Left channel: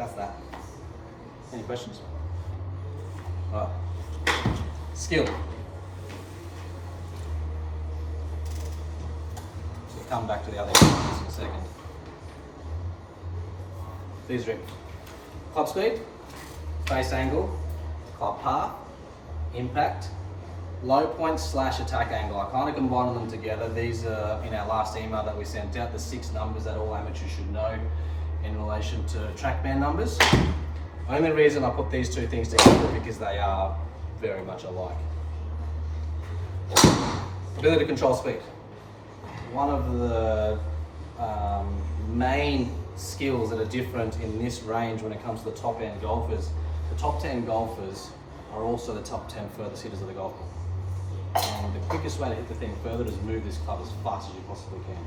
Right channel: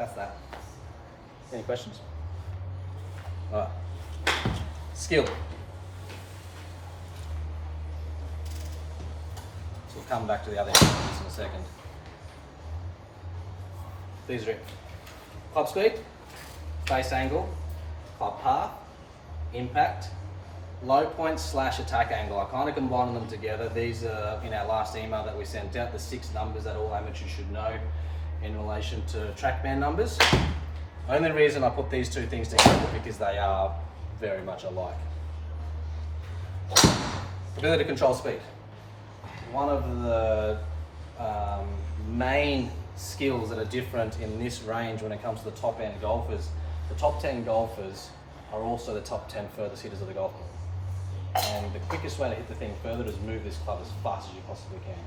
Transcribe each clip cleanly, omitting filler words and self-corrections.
that's that. Any questions? Right. Skill. We'll come back to the other examples in a second. These are it. Club speed, face angle, club path, impact, low point / attack angle. I kind of combined them together. These are in our last email that we sent out, the 6 numbers that all amateurs should know in relation to track band numbers. The only reason I put these 2 things together is because they are very much alike. Ability to control speed. One of the main skills that are different in this range when it comes to the top end golfers. The top 10 golfers are also the top 10 furthest hitters of the golf ball. And the quickest way to hit the thing further is move this club as fast as you possibly can.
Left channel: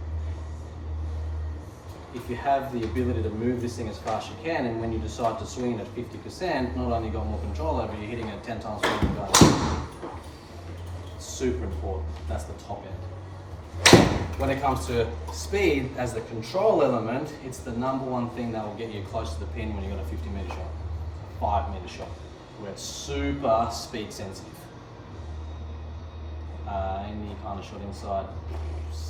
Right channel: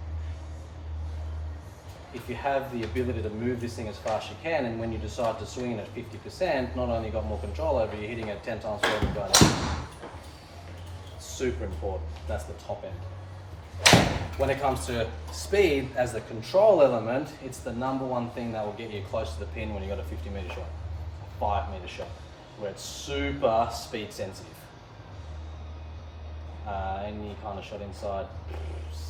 If you have the ability to move this thing as fast as you can, and when you decide to swing at 50%, not only got more control over it, you're hitting it 10 times further than going. Super important. That's the top end. When it comes to speed as the control element, it's the number one thing that will get you close to the pin when you've got a 50-meter shot, 5-meter shot, where it's super speed sensitive. Any kind of shot inside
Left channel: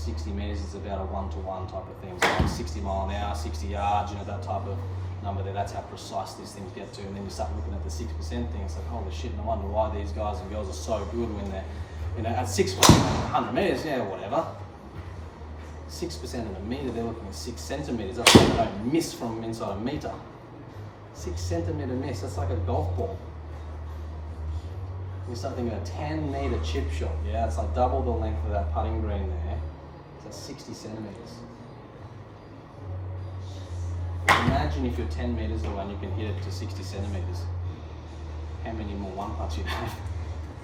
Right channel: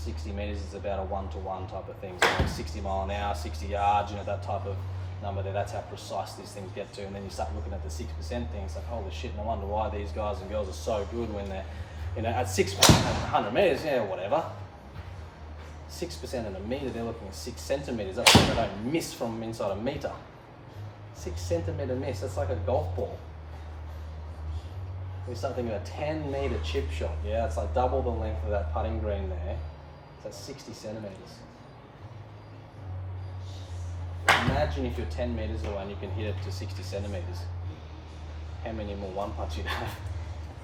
60 meters is about a 1-to-1 type of thing. So like 60 mile an hour, 60 yards, you know, that type of number there, that's how precise these things get to. And then you start looking at the 6% thing, it's like, holy shit, no wonder why these guys and girls are so good when they're, you know, at 6% at 100 meters, yeah, whatever. 6% in a meter, they're looking at 6 centimeters. That's why they don't miss from inside a meter. 6 centimeter miss, that's like a golf ball. We start thinking a 10-meter chip shot, yeah, it's like double the length of that putting green there. That's 60 centimeters. Imagine if you're 10 meters away and you can hit it to 60 centimeters. How many more one putts you have?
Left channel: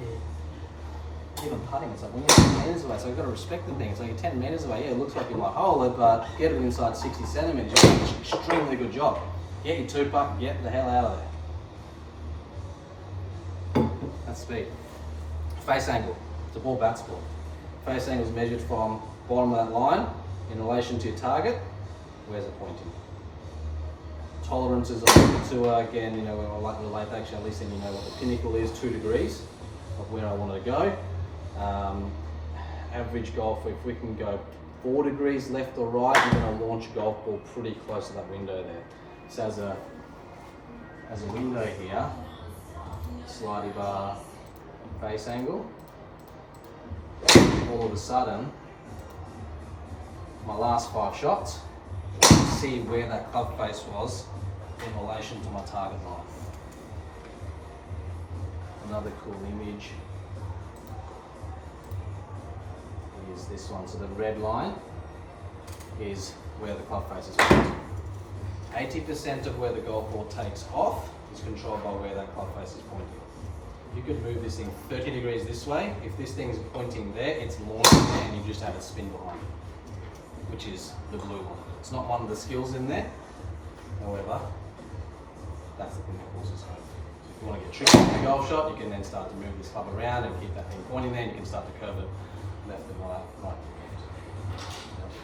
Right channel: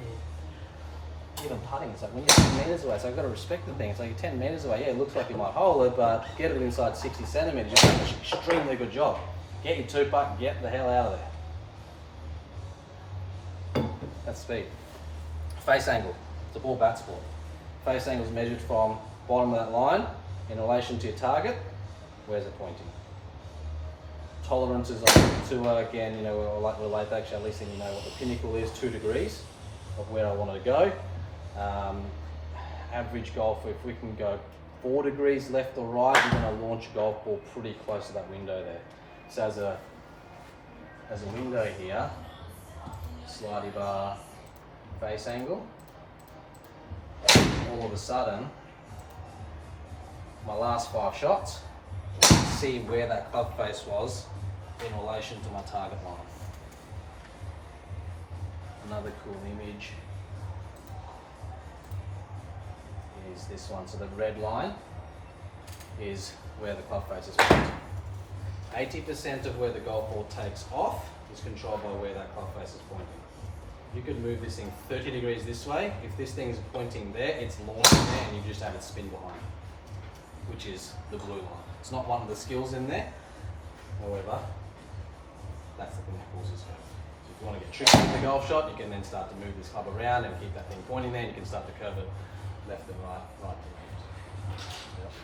Yeah. Even putting, it's like when you're 10 meters away, so I've got to respect the thing. It's like you're 10 meters away, yeah, it looks like you might hole it, but get it inside 60 centimeters, you're doing an extremely good job. Get your 2-putt, get the hell out of there. That's speed. Face angle. It's a ball bat sport. Face angle is measured from bottom of that line in relation to your target. Where's it pointing? Tolerances to again, you know, I like to relate actually, at least then you know what the pinnacle is, 2 degrees of where I wanted to go. Average golfer, if we can go 4 degrees left or right, you're going to launch a golf ball pretty close to that window there. So as a window here, slidey bar face angle, all of a sudden, my last 5 shots, see where that club face was in relation to my target line. Another cool image is this one. So the red line is where the club face is pointing. 80% of where the golf ball takes off is controlled by where that club face is pointing. You could move this thing 30 degrees this way. If this thing is pointing there, it's launching there and you just have it spin behind it, which is the blue line. It's not one of the skills in there. However, that's the thing that causes it. If you want to get tricky in the golf shot, you can then start to move this club around and keep that thing pointing there, and you can start to curve it left and right, right and left.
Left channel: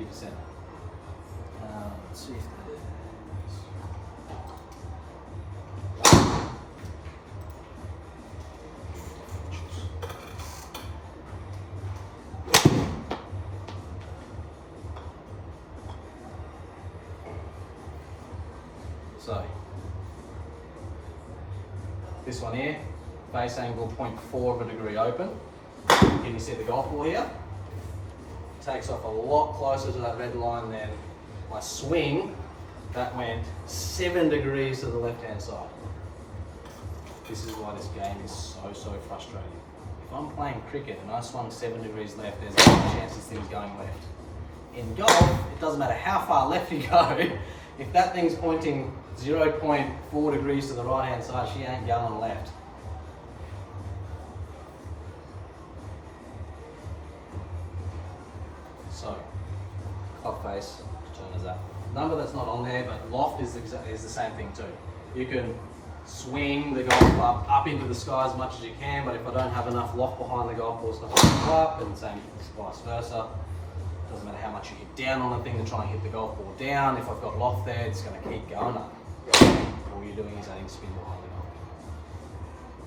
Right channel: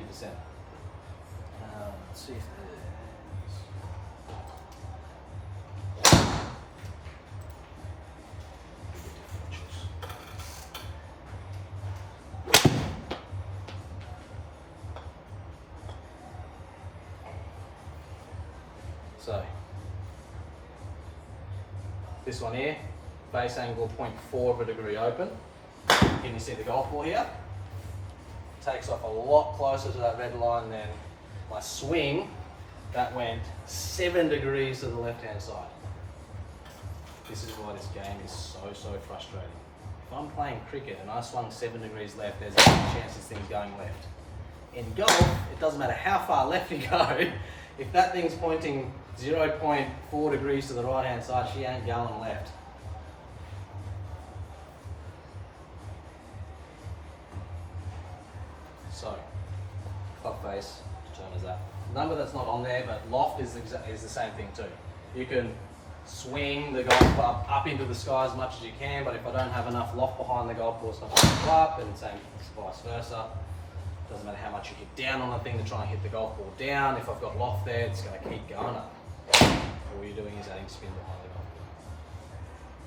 80%. Let's see if So, this one here, face angle 0.4 of a degree open. Can you see the golf ball here? Takes off a lot closer to that red line than my swing. That went 7 degrees to the left-hand side. This is why this game is so frustrating. If I'm playing cricket and I swung 7 degrees left, there's a chance this thing's going left. In golf, it doesn't matter how far left you go, if that thing's pointing 0.4 degrees to the right-hand side, she ain't going left. So, club face, turn is that. Number that's not on there, but loft is the same thing too. You can swing the golf club up into the sky as much as you can, but if I don't have enough loft behind the golf ball, it's not going to go up, and same vice versa. Doesn't matter how much you hit down on the thing to try and hit the golf ball down. If I've got loft there, it's going to keep going up. All you're doing is adding spin behind the golf ball.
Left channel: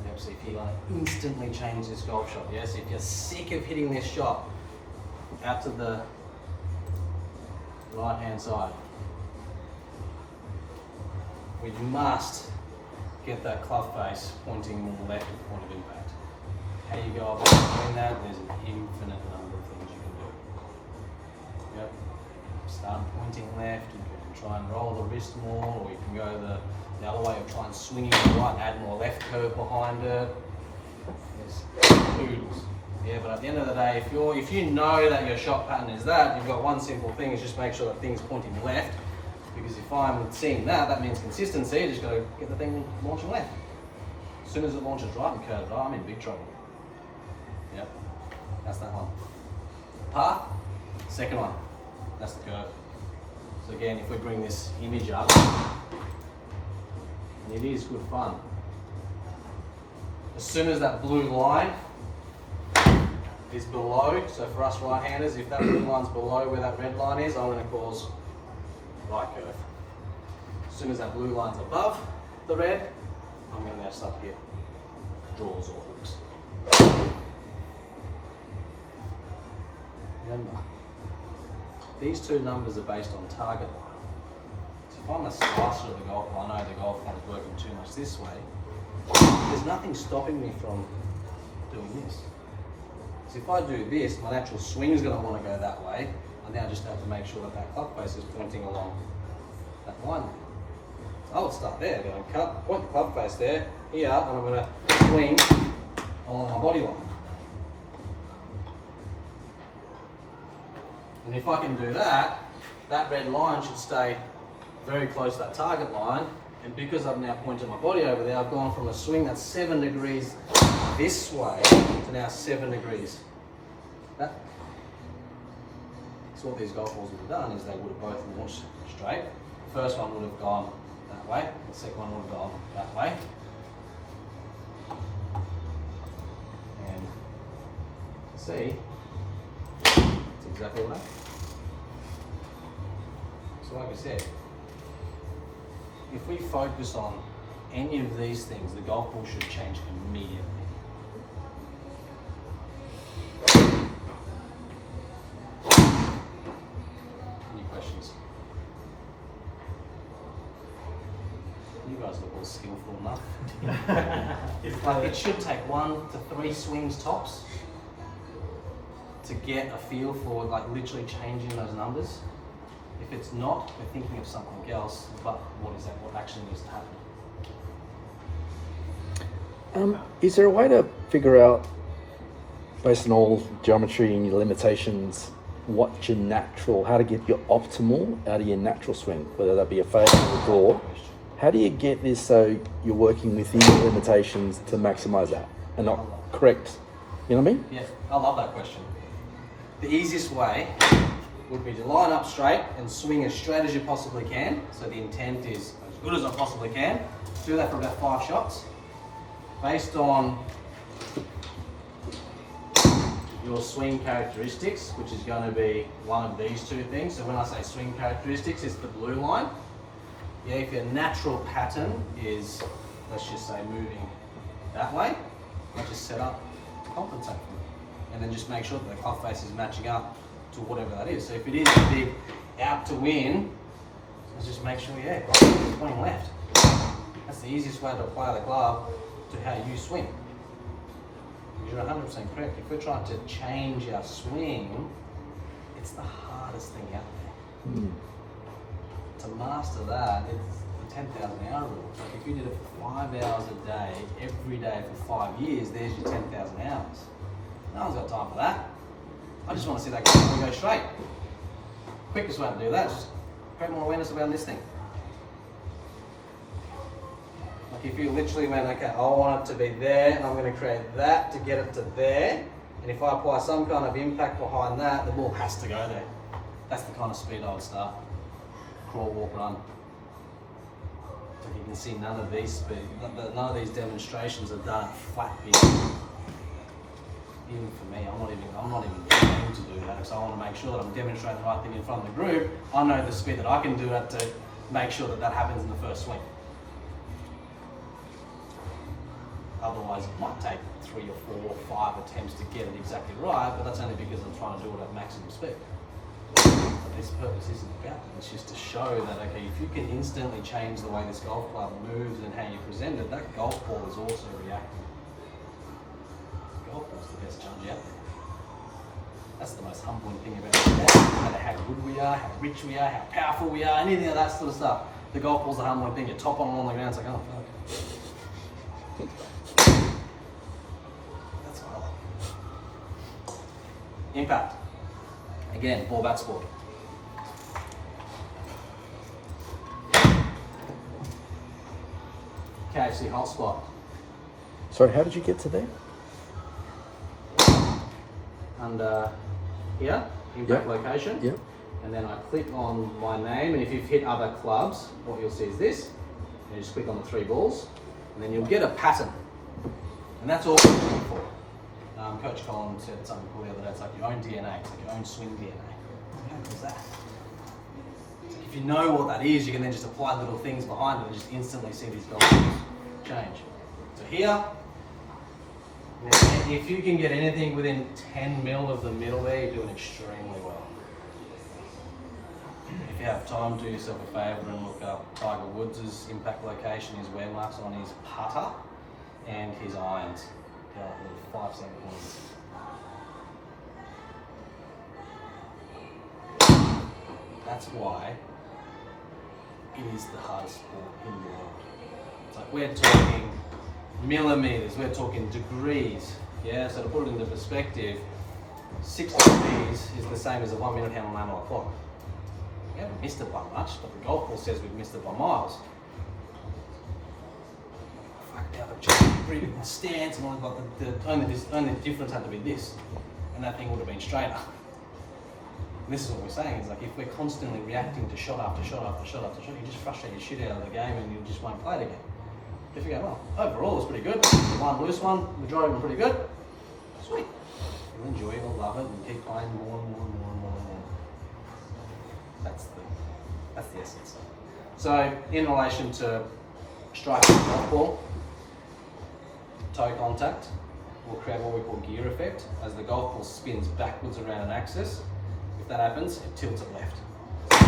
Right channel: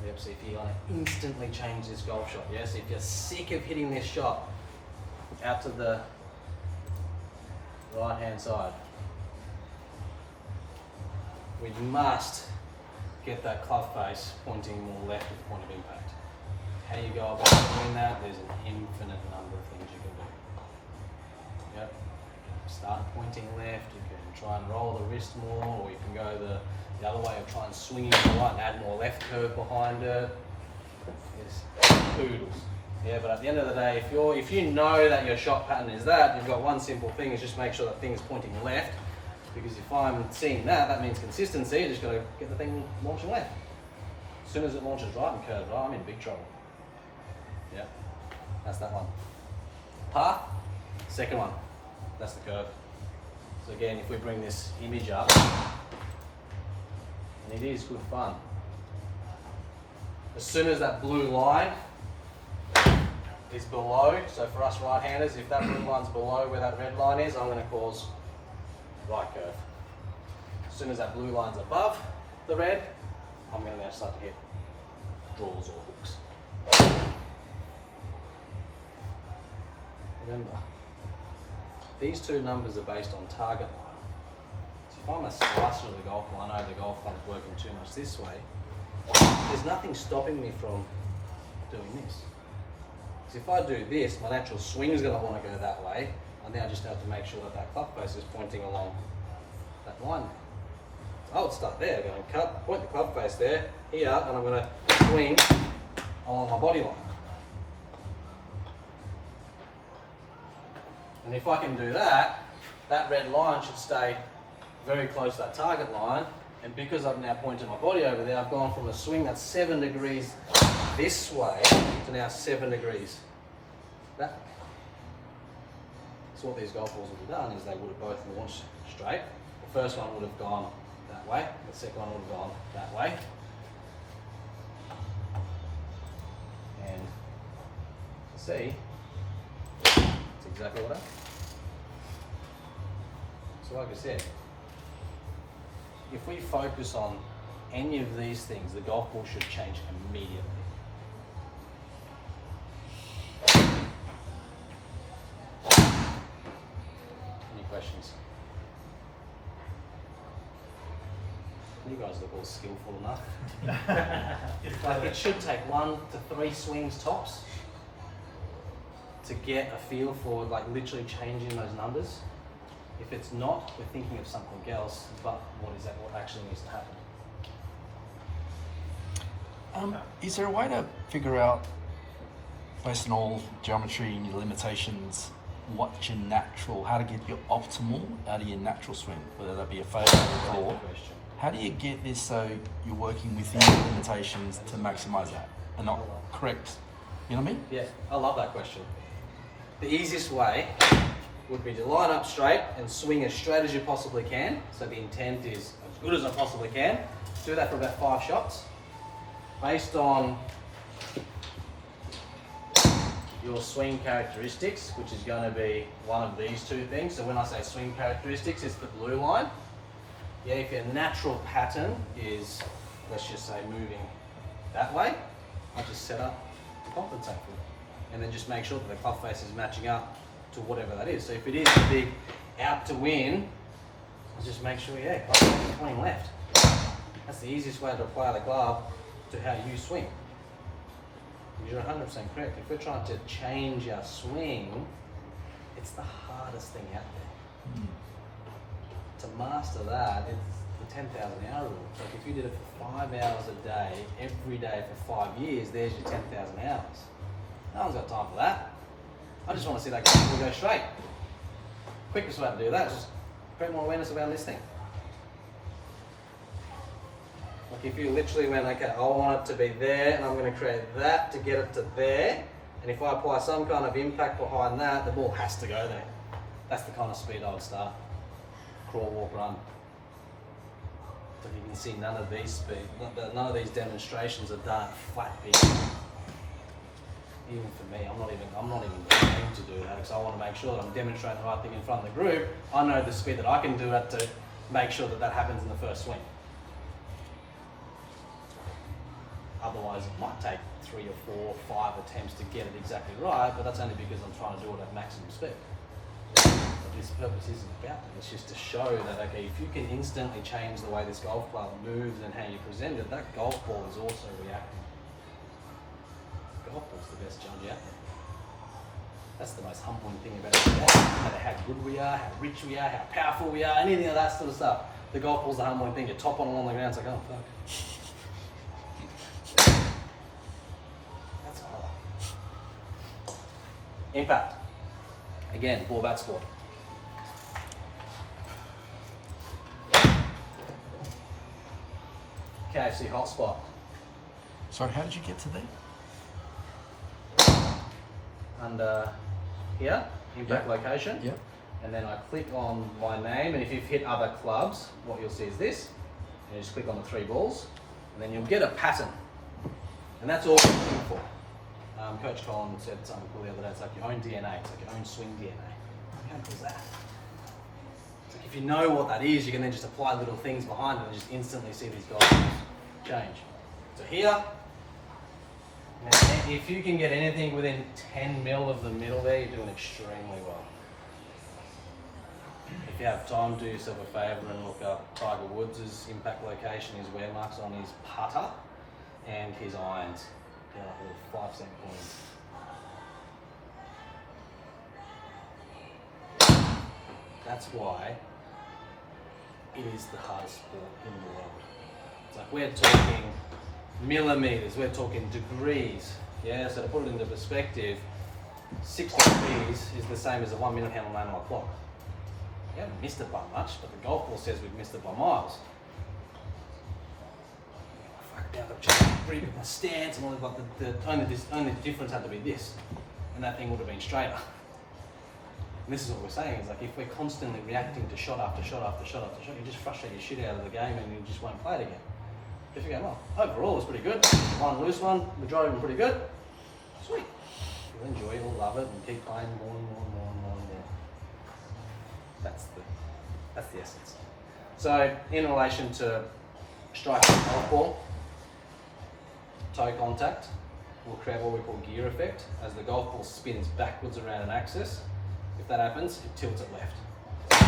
Yep, so if you want to instantly change this golf shot, yes, if you're sick of hitting this shot out to the right hand side, we must get that club face pointing more left at the point of impact. How do you go about doing that? There's an infinite number of things you can do. Yep. Start pointing left, you can try and roll the wrist more, or you can go the other way of trying and swing it to the right and add more left curve behind it. There's poodles. Yeah, but at the end of the day, if you know that your shot pattern is that, you've got one simple thing, is just make sure that thing's pointing left. Because if I'm seeing that, that means consistency. You just got to get the thing launching left. As soon as it launches right and curves right, I'm in big trouble. Yep, that's that one. Path, second one. That's the curve. So again, if we bring this image up, and it is good fun. As soon as that blue line is below, so for us right-handers, if that blue line's below where that red line is, I'm going to cause right curve. As soon as that blue line's above the red, I'm going to now start to get draws or hooks. Remember, these two numbers are based on target line. So if I'm a slicer of the golf ball, I know the golf ball is working too much this way, there's nothing stopping me from doing this. So if I do this, my natural swing is going to want to go that way. I now just have to make sure that that club face is pointing along that line. I would start there, then I'll point the club face there, here, and I'm going to swing along my body line. And if I can do that, that red line should stay very close to that target line, and because I've now pointed my body over there, I've gone from a swing that's 7 degrees this way to now 7 degrees that. So what these golf balls would have done is they would have both launched straight. The first one would have gone that way, the second one would have gone that way. And see, it's exactly what I. So like I said, if we focus on any of these things, the golf ball should change immediately. Any questions? You guys look all skillful enough. Like it should take 1 to 3 swings tops to get a feel for like literally changing those numbers. If it's not, we're thinking of something else, but what is that? What actually needs to happen? Is there a way to figure out, based on all geometry and your limitations, what your natural, how to get your optimal out of your natural swing, whether that be a fade or a draw? How do you get this so you're working within your limitations to maximize that and not correct? You know what I mean? Yeah, I love that question. The easiest way would be to line up straight and swing as straight as you possibly can. So the intent is as good as I possibly can. Do that for about 5 shots. Based on your swing characteristics, which is going to be one of these 2 things. So when I say swing characteristics, it's the blue line. Yeah, if your natural pattern is, let's just say, moving that way, I just set up to compensate for it. And then just make sure that the club face is matching up to whatever that is. So if it is a big out to win, let's just make sure, yeah, club face is pointing left. That's the easiest way to apply the club to how you swing. You're 100% correct. If we're trying to change our swing, it's the hardest thing out there. To master that, it's the 10,000 hour rule. So if you did it for 5 hours a day, every day for 5 years, there's your 10,000 hours. No one's got time for that. I just want to see that go straight. Quickest way to do that is just create more awareness around this thing. Like if you literally went, okay, I want it to be there, and I'm going to create that to get it to there, and if I apply some kind of impact behind that, the ball has to go there. That's the kind of speed I would start. Crawl, walk, run. But you can see none of these demonstrations are done at flat pitch. even for me, I'm not even trying to do that because I want to make sure that I'm demonstrating the right thing in front of the group. I know the speed that I can do it to make sure that that happens in the first swing. Otherwise, it might take 3 or 4 or 5 attempts to get it exactly right, but that's only because I'm trying to do it at maximum speed. But this purpose isn't about it. It's just to show that, okay, if you can instantly change the way this golf club moves and how you present it, that golf ball is also reacting. Golf ball's the best judge out there. That's the most humbling thing about it. No matter how good we are, how rich we are, how powerful we are, anything of that sort of stuff, the golf ball's the humbling thing. You top on the ground, it's like, oh fuck. That's what I like. Impact. Again, ball bat sport. KFC hotspot. Sorry, how did you get to there? Under here, impact location. Yep. And then I click on my name, and if you've hit other clubs, what you'll see is this. And you just click on the 3 balls, and then you'll get a pattern. And that's all we're looking for. Coach Colin said something cool the other day, it's like your own DNA, it's like your own swing DNA. How cool is that? It's like if you know what that is, you can then just apply little things behind it and just instantly see these goals change. So here, if you can get anything within 10 mil of the middle there, you're doing extremely well. If you have time, do yourself a favour and look up Tiger Woods' impact location, his wear marks on his putter and his irons. Yeah, 5 second points. That's why it is the hardest sport in the world. It's like we're talking millimeters, we're talking degrees. Yeah, so to put it into perspective, 6 degrees is the same as a 1 minute hand on an analog clock. We haven't missed it by much, but the golf ball says we've missed it by miles. Now they've just pretty big stance and all that, but only the difference had to be this, and that thing would have been straighter. And this is what we're saying, is like if we're constantly reacting to shot after shot after shot after shot, you just frustrate your shit out of the game and you just won't play it again. If you go, well, overall it's pretty good, one loose one, majority of them pretty good, sweet. You'll enjoy it, you'll love it, and keep playing more and more and more and more and more. That's the essence. So in relation to striking the golf ball, toe contact will create what we call gear effect. As the golf ball spins backwards around an axis, if that happens, it tilts it left.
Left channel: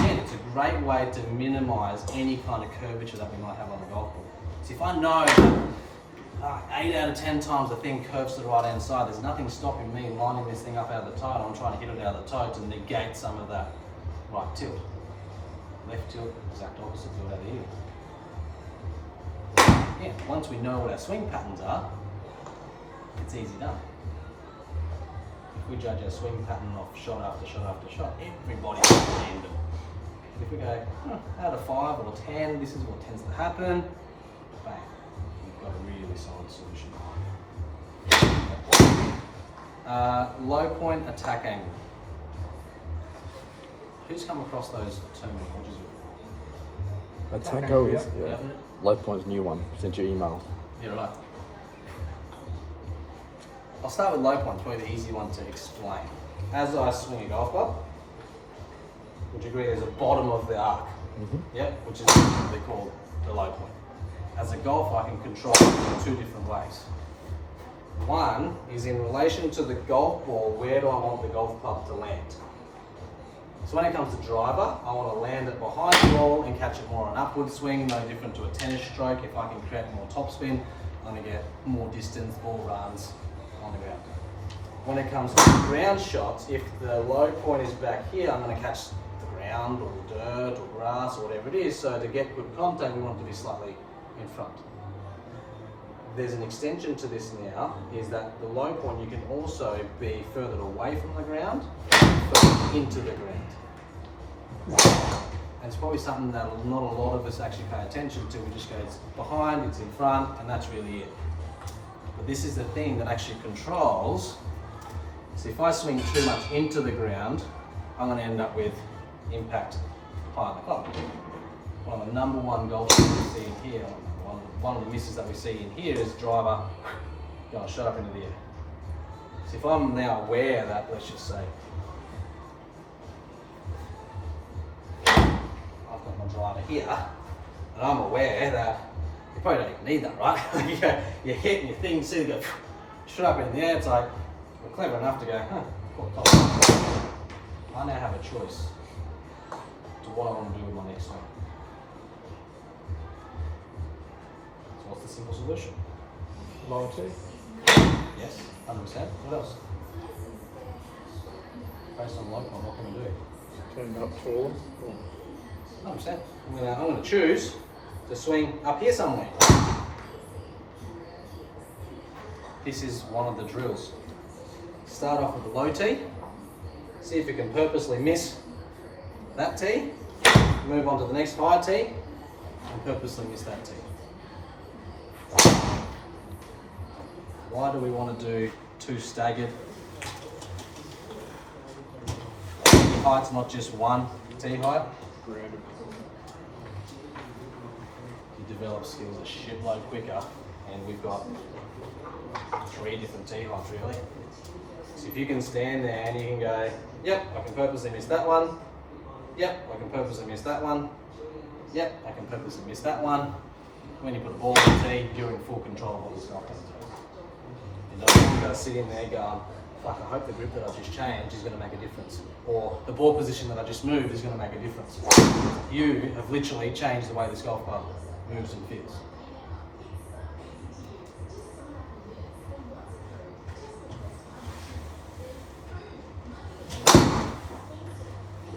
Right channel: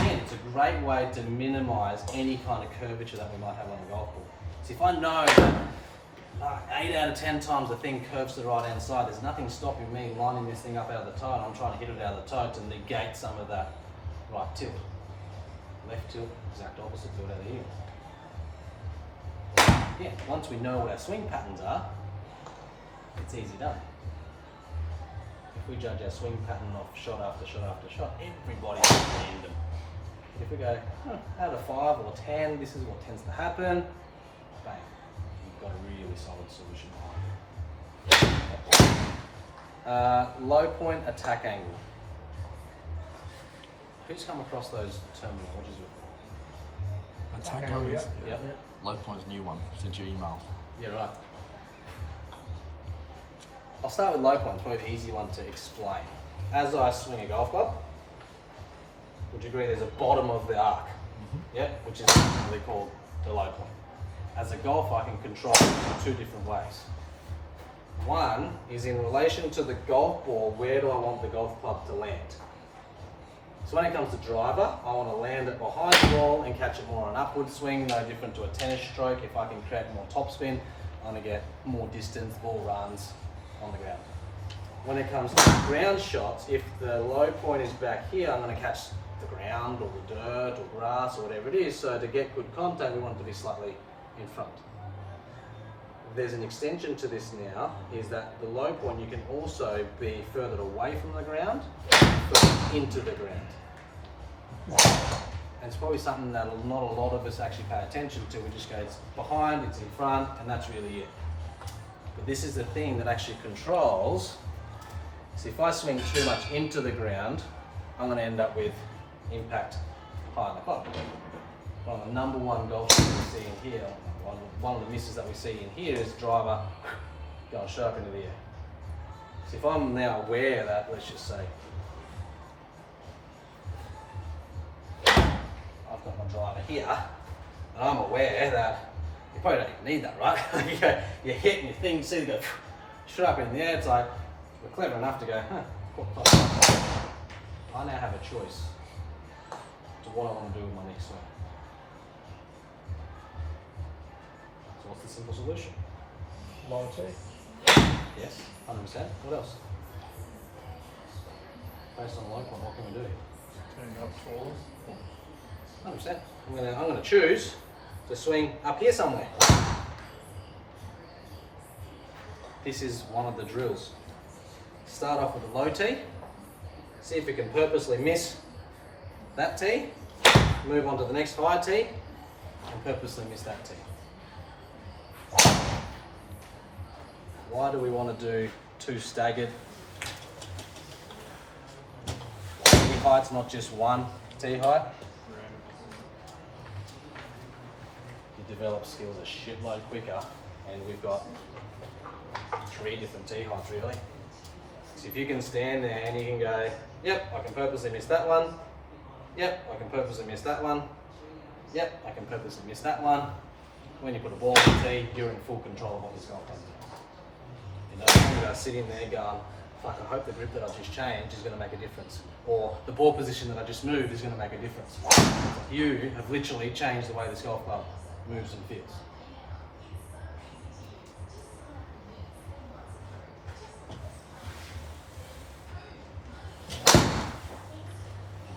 Again, it's a great way to minimize any kind of curvature that we might have on the golf ball. So if I know 8 out of 10 times the thing curves to the right hand side, there's nothing stopping me lining this thing up out of the toe, and I'm trying to hit it out of the toe to negate some of that right tilt. Left tilt, exact opposite tilt out of here. Again, once we know what our swing patterns are, it's easy done. If we judge our swing pattern off shot after shot after shot, everybody's random. If we go out of 5 or 10, this is what tends to happen, bang, we've got a really solid solution behind it. Low point attack angle. Who's come across those terminologies? Attack angle is Yep. low point's new one. Sent your email. Yeah, right. I'll start with low point, probably the easy one to explain. As I swing a golf club, would you agree there's a bottom of the arc? Mm-hmm. Yep, which is typically called the low point. As a golfer, I can control it in 2 different ways. One is in relation to the golf ball, where do I want the golf club to land? So when it comes to driver, I want to land it behind the ball and catch it more on an upward swing, no different to a tennis stroke. If I can create more topspin, I'm going to get more distance, ball runs on the ground. When it comes to ground shots, if the low point is back here, I'm going to catch the ground or the dirt or grass or whatever it is. So to get good contact, we want it to be slightly in front. There's an extension to this now, is that the low point you can also be further away from the ground, further into the ground. And it's probably something that not a lot of us actually pay attention to. We just go, it's behind, it's in front, and that's really it. But this is the thing that actually controls. So if I swing too much into the ground, I'm going to end up with impact behind the club. One of the number one golfers we see in here, one of the misses that we see in here is driver going straight up into the air. So if I'm now aware that, let's just say, I've got my driver here, and I'm aware that you probably don't even need that, right? you hit and your thing, see it go straight up in the air. It's like, we're clever enough to go, I now have a choice to what I want to do with my next swing. So what's the simple solution? Lower tee. Yes, 100%. What else? Based on what can we do? Turn up taller. 100%. I'm going to choose to swing up here somewhere. This is one of the drills. Start off with a low tee. See if you can purposely miss that tee. Move on to the next high tee and purposely miss that tee. Why do we want to do two staggered tee heights, not just one tee height? You develop skills a shitload quicker, and we've got 3 different tee heights really. So if you can stand there and you can go, yep, I can purposely miss that one. Yep, I can purposely miss that one. Yep, I can purposely miss that one. When you put a ball on the tee, you're in full control of what this golf does. You know, you're going to sit in there going, fuck, I hope the grip that I just changed is going to make a difference. Or the ball position that I just moved is going to make a difference. You have literally changed the way this golf club moves and feels.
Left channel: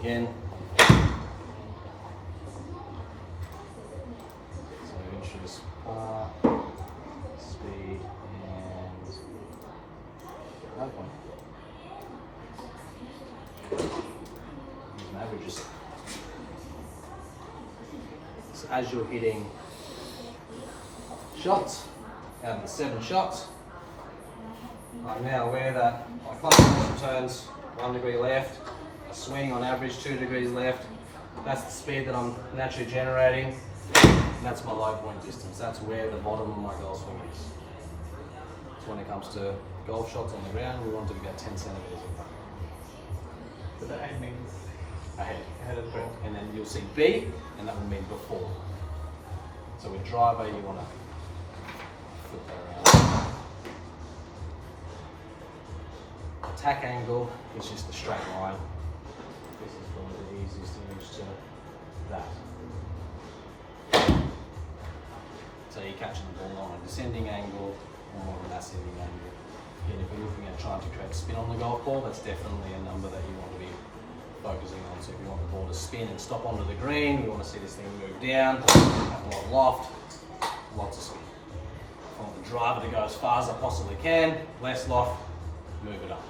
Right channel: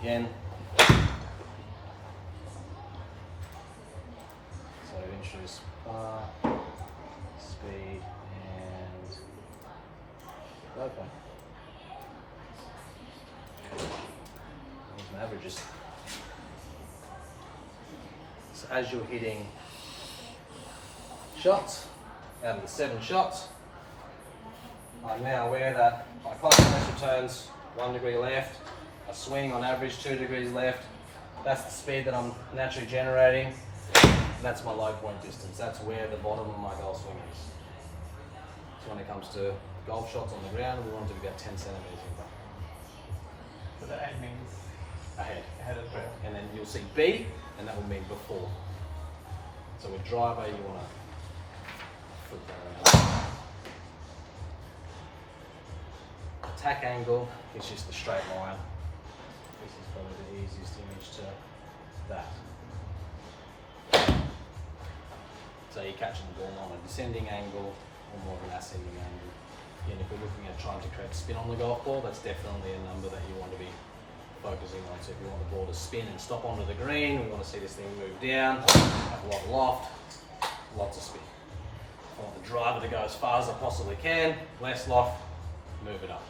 Again, so interest, par, speed, and low point. These are averages. So as you're hitting shots, out of the 7 shots, I'm now aware that my clock turns 1 degree left, a swing on average 2 degrees left. That's the speed that I'm naturally generating. And that's my low point distance. That's where the bottom of my golf swing is. So when it comes to golf shots on the ground, we want to be about 10 centimeters away. So the aiming Ahead. ahead of the ball. And then you'll see B, and that will mean before. So with driver, you want to flip that around. Attack angle is just a straight line. This is probably the easiest image to that. So you're catching the ball on a descending angle or more of an ascending angle. And if we're looking at trying to create spin on the golf ball, that's definitely a number that you want to be focusing on. So if you want the ball to spin and stop onto the green, you want to see this thing move down, have a lot of loft, lots of spin. I want the driver to go as far as I possibly can, less loft, move it up.